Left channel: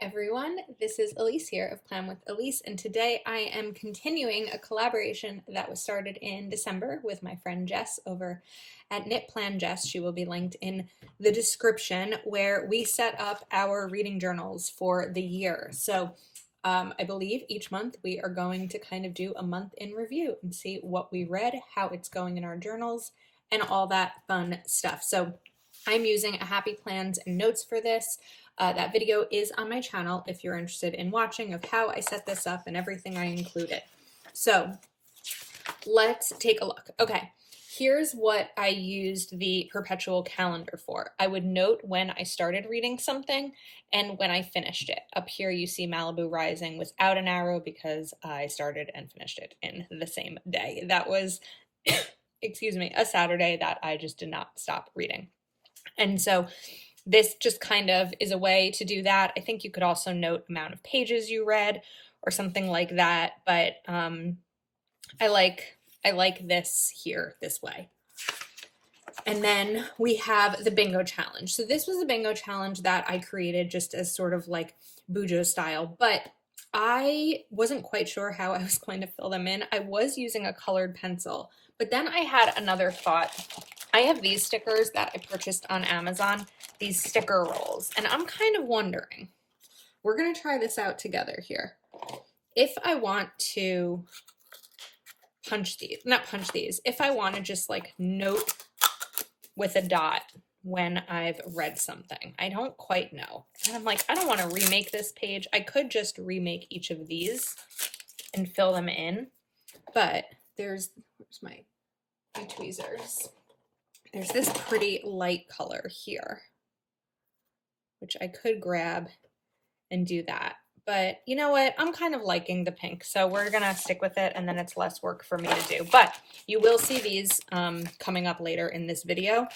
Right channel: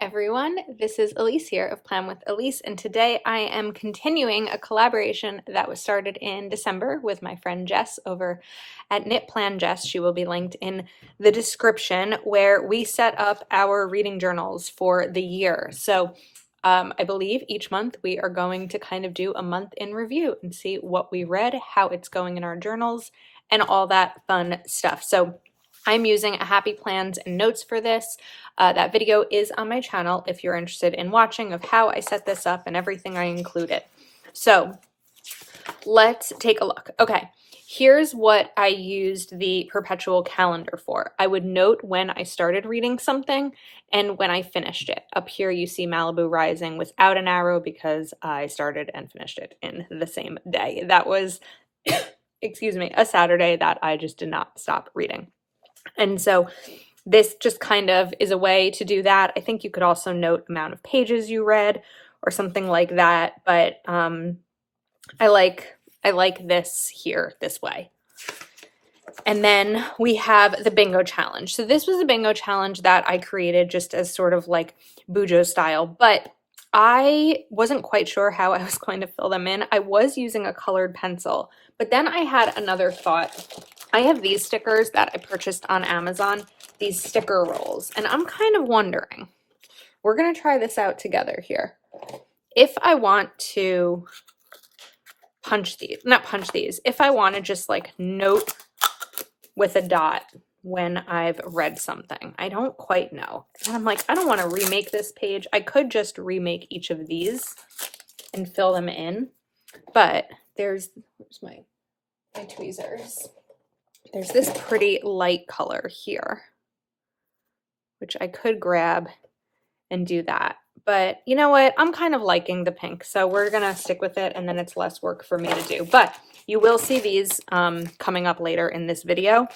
everyone, this is Elise here of Plan with Elise, and today I am continuing a collaboration that was started in December with my friend Jess over at Knit Plan Jess. She will be linked in the description, where we set up our reading journals for the year. So I believe each month we are going to kind of do a month in review and see what we read, how it's going in our journals, and all that fun stuff. So I'm using a Happy Plans and Notes for this. That video is on my channel if you're interested in watching of how I set this up and everything I included. So let's take a look. Okay, here's what I used the Perpetual Calendar for. I would note when I started reading something and when I finished it. Up here you see Malibu Rising without an arrow because I started and finished it in the same day. That was, excuse me, a Saturday that I just did not stop reading. And so this just kind of is a way to do that. I think you could also note amount of pages you read or something like that, but I like this here this way. And then we have the bingo challenge. So this was a bingo challenge that I created just as sort of like Bujo style, but I wasn't quite sure how I was going to fill them in. I was using a colored pencil, but then I had another thought. I have these stickers that I purchased on Amazon, these sticker rolls, and I'm kind of wondering, we're going to try this out together here. If I want to if I want to just like note with a dot when I've read something. I don't quite know. And I'm like, I don't want to remake this page. I could just remake each of these and fill them in, but where's my tweezers? There's this pretty light color here, which I could grab and do that. But you know what? I'm kind of liking the pink, so we're going to stick with it, and then it's less work for me to do. But you will see these coming up later in this video,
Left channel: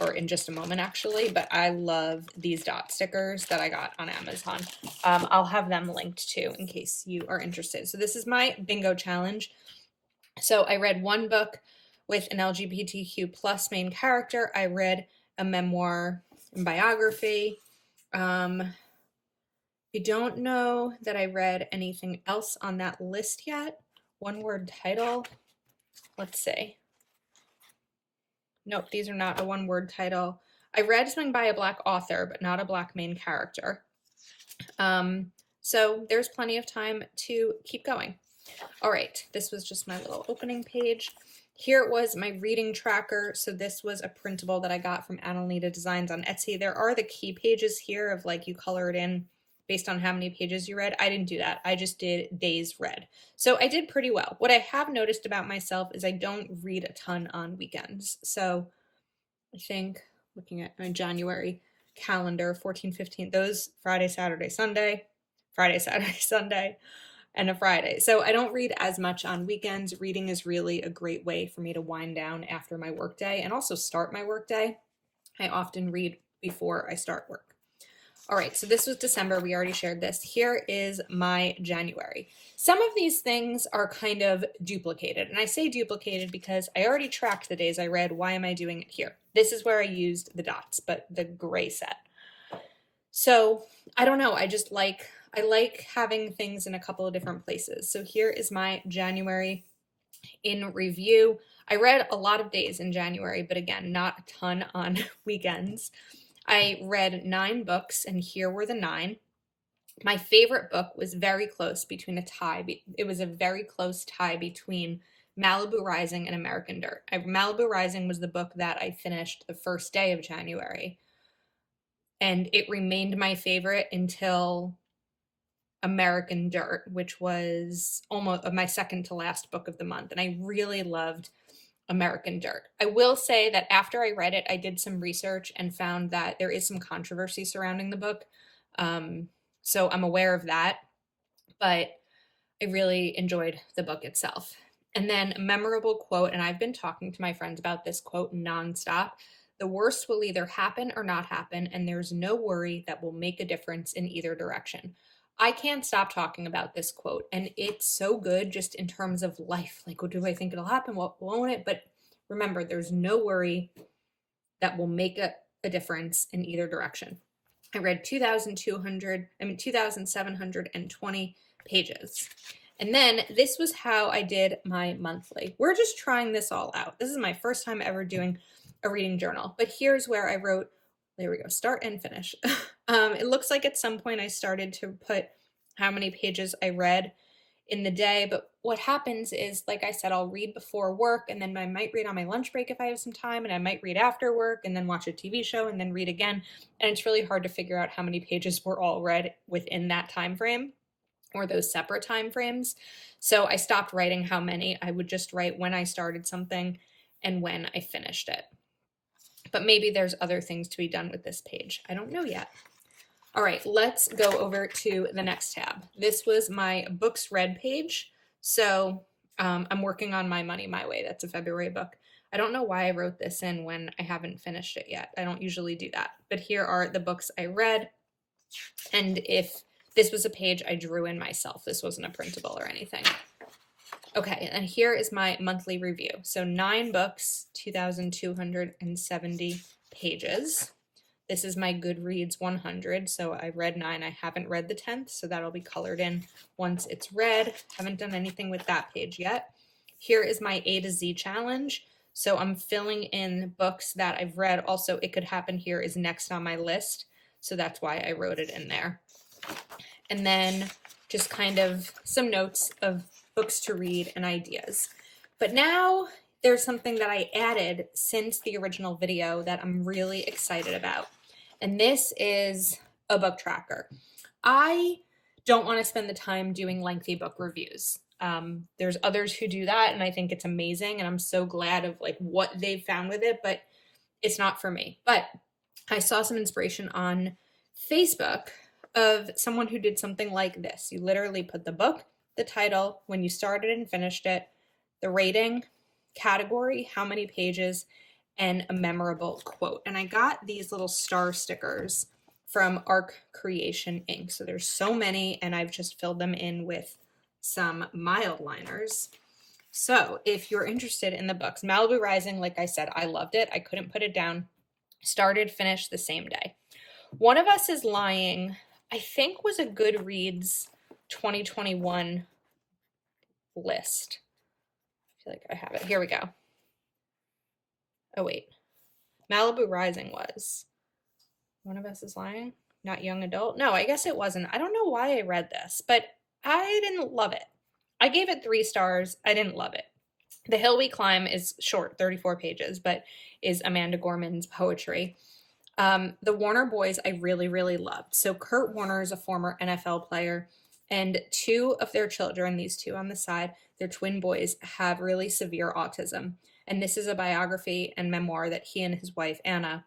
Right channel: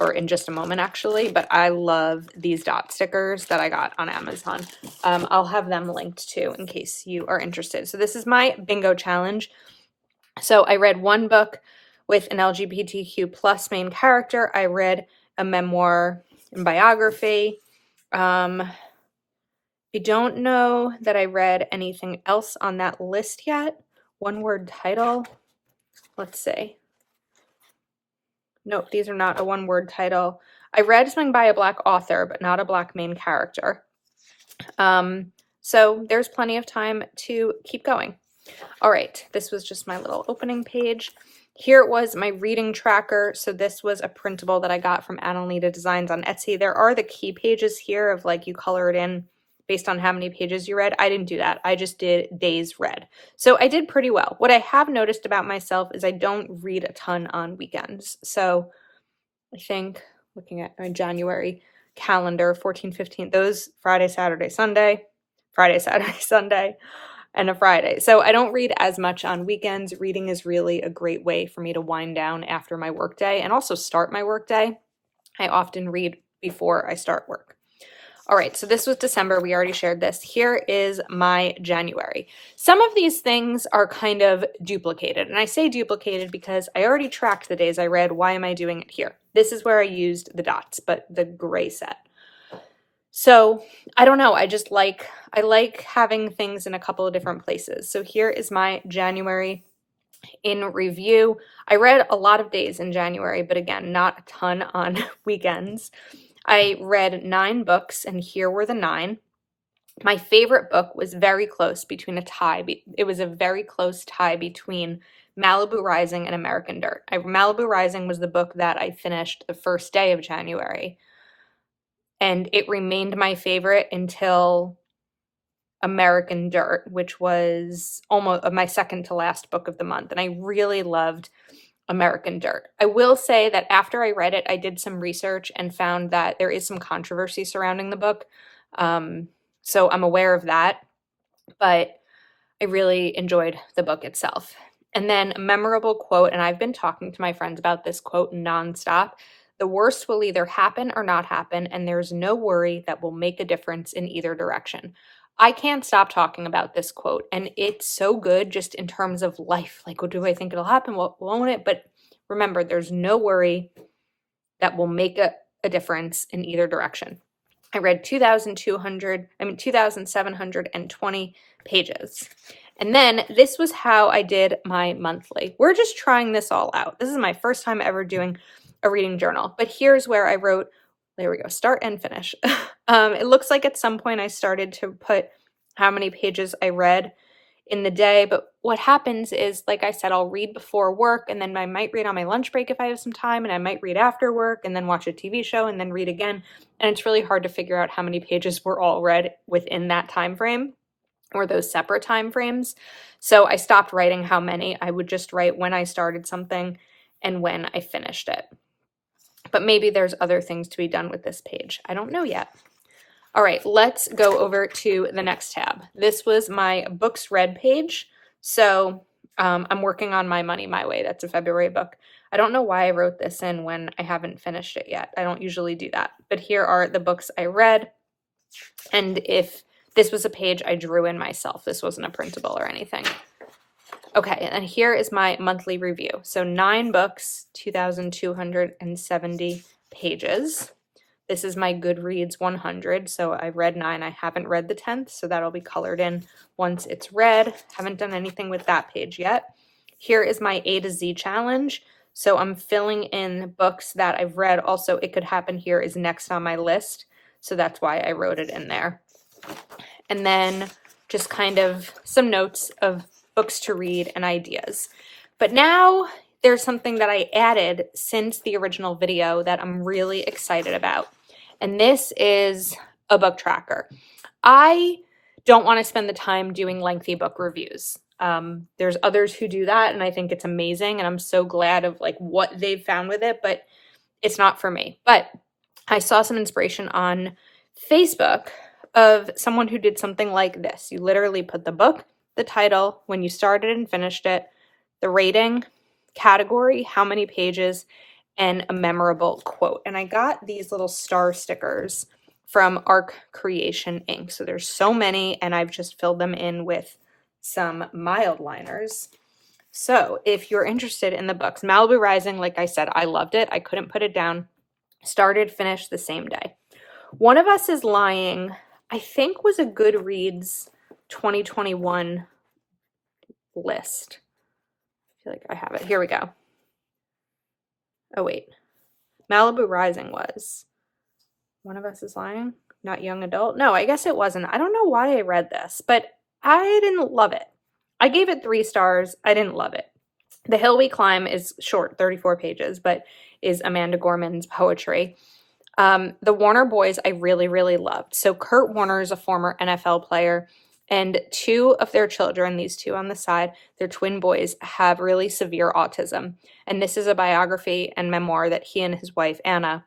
or in just a moment, actually. But I love these dot stickers that I got on Amazon. I'll have them linked too in case you are interested. So this is my bingo challenge. So I read one book with an LGBTQ plus main character. I read a memoir and biography. I don't know that I read anything else on that list yet. One word title. Let's see. Nope, these are not a one word title. I read something by a Black author, but not a Black main character. So there's plenty of time to keep going. All right, this was just my little opening page. Here was my reading tracker. So this was a printable that I got from Annalita Designs on Etsy. There are the key pages here of like you color it in based on how many pages you read. I didn't do that. I just did days read. So I did pretty well. What I have noticed about myself is I don't read a ton on weekends. So I think looking at my January calendar, 14, 15, those Friday, Saturday, Sunday, and a Friday. So I don't read as much on weekends. Reading is really a great way for me to wind down after my workday and also start my workday. I often read before I start work. All right, so this was December. We already shared this. Here is my January. Some of these things are kind of duplicated, and I say duplicated because I already tracked the days I read. Why am I doing it here? This is where I used the dots, but the gray set. So I don't know. I like having things in a couple of different places. So here is my January in review. I read a lot of days in January, but again, not a ton on weekends. I read 9 books, and here were the 9. My favorite book was very close between a tie. It was a very close tie between Malibu Rising and American Dirt. Malibu Rising was the book that I finished the first day of January, and it remained my favorite until American Dirt, which was almost my second to last book of the month, and I really loved American Dirt. I will say that after I read it, I did some research and found that there is some controversy surrounding the book. So I'm aware of that, but I really enjoyed the book itself. And then a memorable quote, and I've been talking to my friends about this quote nonstop. The worst will either happen or not happen, and there's no worry that will make a difference in either direction. I can't stop talking about this quote, and it's so good just in terms of life. Like, what do I think it'll happen? What won't it? But remember, there's no worry that will make a difference in either direction. I read 2,720 pages. And then this was how I did my monthly. We're just trying this all out. This is my first time ever doing a reading journal, but here's where I wrote, there we go, start and finish. It looks like at some point I started to put how many pages I read in the day, but what happens is, like I said, I'll read before work, and then I might read on my lunch break if I have some time, and I might read after work, and then watch a TV show, and then read again, and it's really hard to figure out how many pages were all read within that time frame, or those separate time frames. So I stopped writing how many. I would just write when I started something and when I finished it. But maybe there's other things to be done with this page. I don't know yet. All right, let's go over to the next tab. This was my books read page. So I'm working on My Money, My Way. That's a February book. I don't know why I wrote this in when I haven't finished it yet. I don't usually do that. But here are the books I read. And if this was a page I drew in myself, this wasn't a printable or anything. Okay, and here is my monthly review. So 9 books, 2,270 pages. This is my Goodreads 100, so I read 9. I haven't read the 10th, so that'll be colored in once it's read. Haven't done anything with that page yet. Here is my A to Z challenge. So I'm filling in books that I've read. Also, It Could Happen Here is next on my list, so that's why I wrote it in there. And then just kind of some notes of books to read and ideas. But now there's something that I added since the original video that I'm really excited about. And this is a book tracker. I don't want to spend the time doing lengthy book reviews. There's others who do that, and I think it's amazing, and I'm so glad of like what they've found with it, but it's not for me. But I saw some inspiration on Facebook of someone who did something like this. You literally put the book, the title, when you started and finished it, the rating, category, how many pages, and a memorable quote. And I got these little star stickers from Arc Creation Ink. So there's so many, and I've just filled them in with some mild liners. So if you're interested in the books, Malibu Rising, like I said, I loved it. I couldn't put it down. Started, finished the same day. One of Us is Lying, I think, was a Goodreads 2021 list. I feel like I have it. Here we go. Oh, wait. Malibu Rising was. One of Us is Lying? Not young adult? No, I guess it wasn't. I don't know why I read this, but I didn't love it. I gave it 3 stars. I didn't love it. The Hill We Climb is short, 34 pages, but is Amanda Gorman's poetry. The Warner Boys I really, really loved. So Kurt Warner is a former NFL player, and 2 of their children, these 2 on the side, their twin boys, have really severe autism. And this is a biography and memoir that he and his wife, Anna,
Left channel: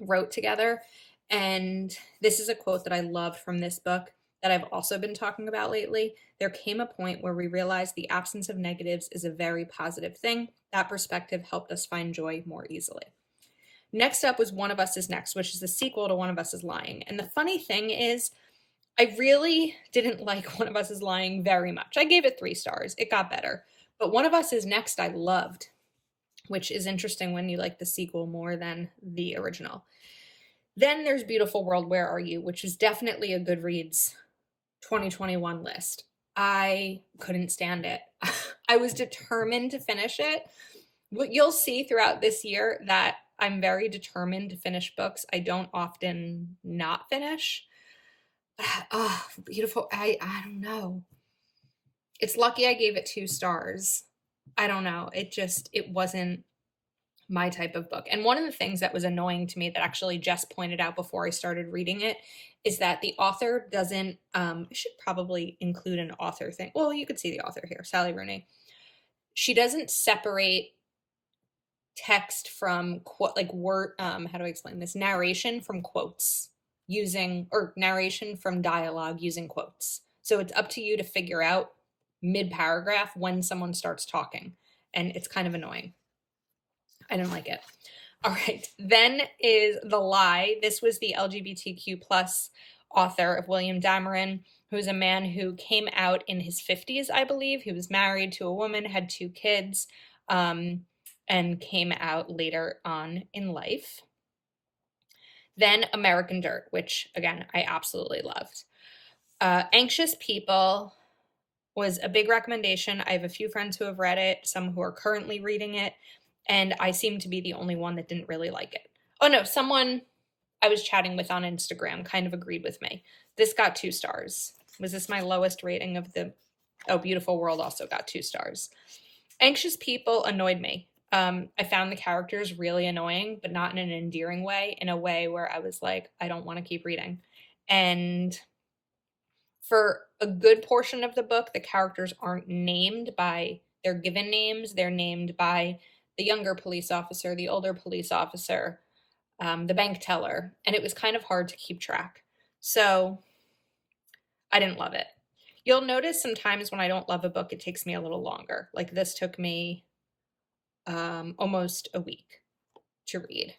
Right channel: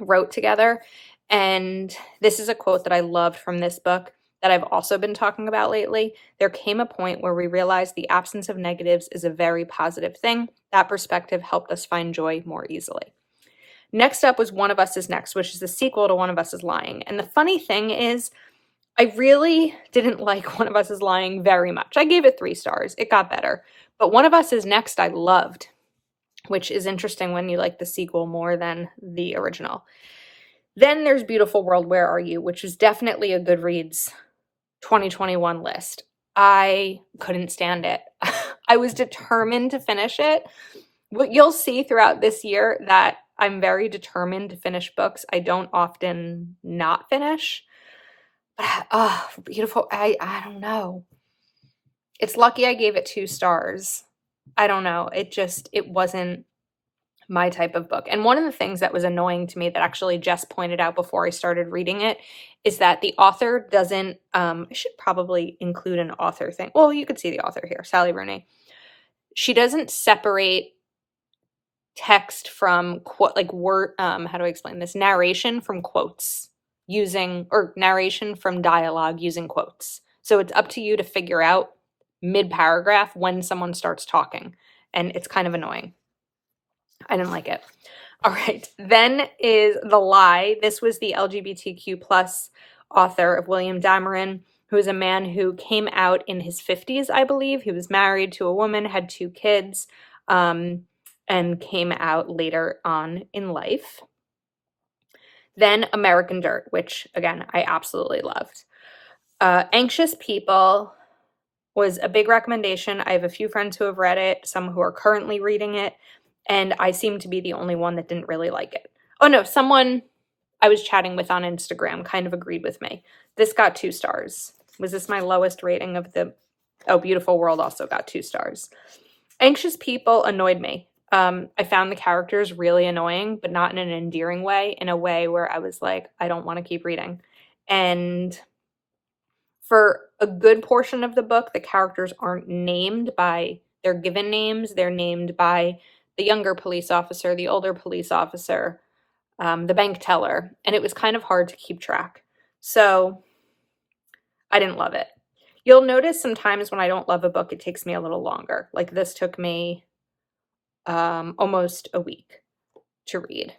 wrote together. And this is a quote that I loved from this book that I've also been talking about lately. There came a point where we realized the absence of negatives is a very positive thing. That perspective helped us find joy more easily. Next up was One of Us is Next, which is the sequel to One of Us is Lying. And the funny thing is, I really didn't like One of Us is Lying very much. I gave it 3 stars. It got better. But One of Us is Next I loved, which is interesting when you like the sequel more than the original. Then there's Beautiful World, Where Are You?, which is definitely a Goodreads 2021 list. I couldn't stand it. I was determined to finish it. What you'll see throughout this year that I'm very determined to finish books. I don't often not finish. Beautiful. I don't know. It's lucky I gave it 2 stars. I don't know. It wasn't my type of book. And one of the things that was annoying to me that actually Jess pointed out before I started reading it is that the author doesn't, I should probably include an author thing. Well, you could see the author here, Sally Rooney. She doesn't separate text from quote, like word, how do I explain this? Narration from quotes or narration from dialogue using quotes. So it's up to you to figure out mid-paragraph when someone starts talking, and it's kind of annoying. I didn't like it. All right, then is The Lie. This was the LGBTQ plus author of William Dameron, who is a man who came out in his 50s, I believe. He was married to a woman, had 2 kids, and came out later on in life. Then American Dirt, which again, I absolutely loved. Anxious People was a big recommendation. I have a few friends who have read it, some who are currently reading it, and I seem to be the only one that didn't really like it. Oh no, someone I was chatting with on Instagram kind of agreed with me. This got 2 stars. Was this my lowest rating of the... Oh, Beautiful World also got 2 stars. Anxious People annoyed me. I found the characters really annoying, but not in an endearing way, in a way where I was like, I don't want to keep reading. And for a good portion of the book, the characters aren't named by their given names. They're named by the younger police officer, the older police officer, the bank teller, and it was kind of hard to keep track. So I didn't love it. You'll notice sometimes when I don't love a book, it takes me a little longer. Like this took me almost a week to read.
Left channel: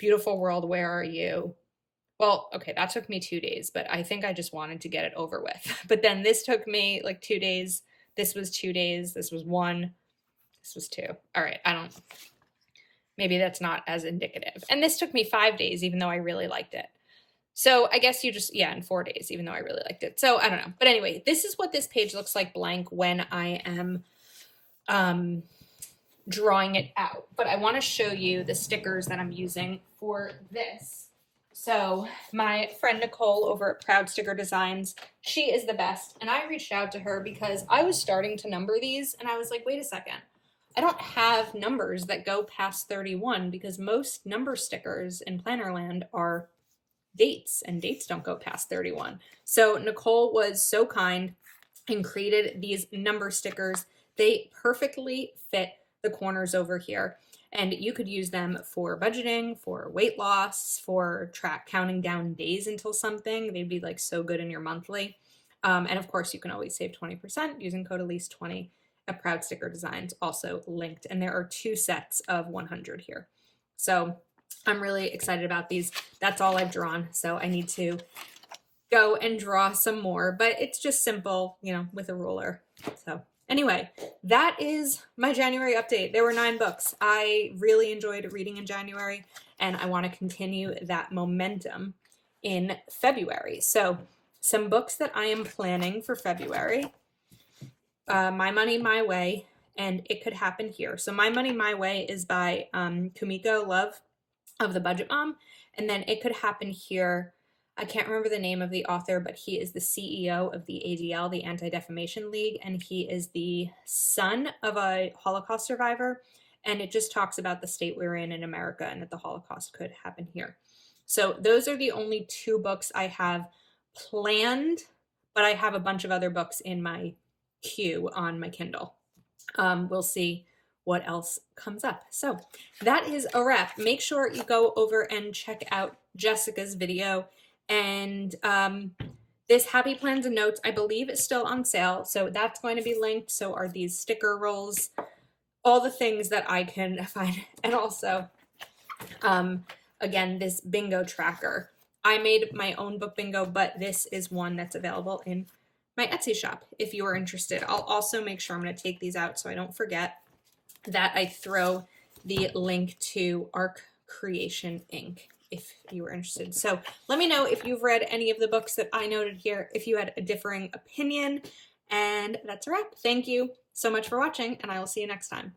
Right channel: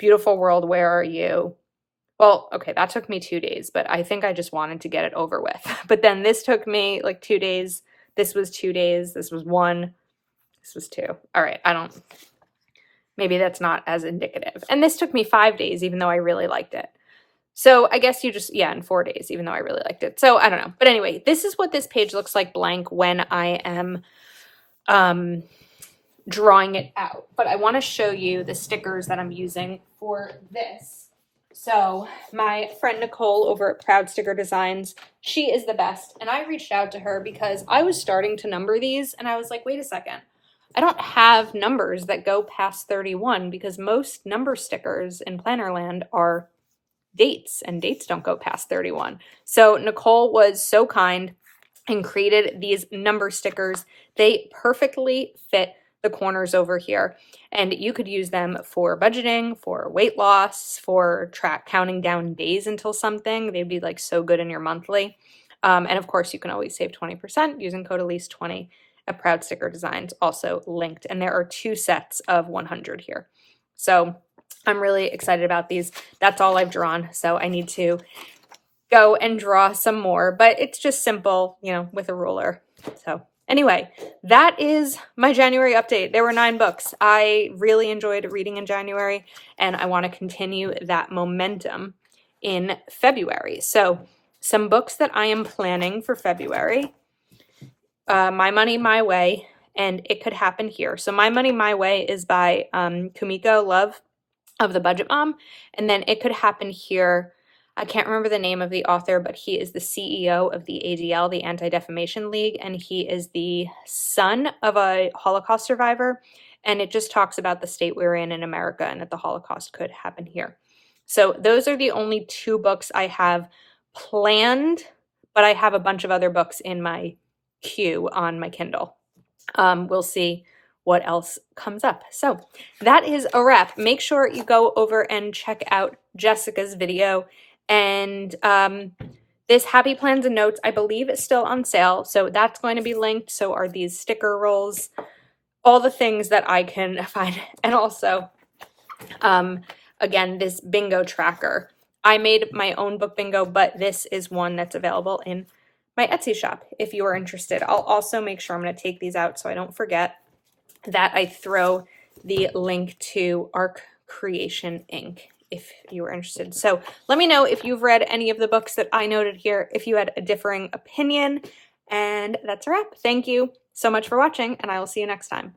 Beautiful World, Where Are You? Well, okay, that took me 2 days, but I think I just wanted to get it over with. But then this took me like 2 days. This was 2 days. This was 1. This was 2. All right, maybe that's not as indicative. And this took me 5 days, even though I really liked it. So I guess in 4 days, even though I really liked it. So I don't know. But anyway, this is what this page looks like blank when I am drawing it out. But I want to show you the stickers that I'm using for this. So my friend Nicole over at Proud Sticker Designs, she is the best. And I reached out to her because I was starting to number these and I was like, wait a second. I don't have numbers that go past 31 because most number stickers in Plannerland are dates and dates don't go past 31. So Nicole was so kind and created these number stickers. They perfectly fit the corners over here. And you could use them for budgeting, for weight loss, for counting down days until something. They'd be like so good in your monthly. And of course, you can always save 20% using code Elise20 at Proud Sticker Designs, also linked. And there are 2 sets of 100 here. So I'm really excited about these. That's all I've drawn. So I need to go and draw some more, but it's just simple, with a ruler. So anyway, that is my January update. There were 9 books. I really enjoyed reading in January, and I want to continue that momentum in February. So some books that I am planning for February, My Money, My Way, and It Could Happen Here. So My Money, My Way is by Kumiko Love of The Budget Mom, and then It Could Happen Here. I can't remember the name of the author, but he is the CEO of the ADL, the Anti-Defamation League, and he is the son of a Holocaust survivor, and it just talks about the state we're in America and that the Holocaust could happen here. So those are the only 2 books I have planned, but I have a bunch of other books in my queue on my Kindle. We'll see what else comes up. So that is a wrap. Make sure you go over and check out Jessica's video. And this Happy Plans and Notes, I believe, is still on sale. So that's going to be linked. So are these sticker rolls, all the things that I can find. And also, again, this bingo tracker. I made my own book bingo, but this is one that's available in my Etsy shop if you are interested. I'll also make sure I'm going to take these out so I don't forget that I throw the link to Arc Creation Inc. if you were interested. So let me know if you've read any of the books that I noted here, if you had a differing opinion, and that's a wrap. Thank you so much for watching, and I will see you next time.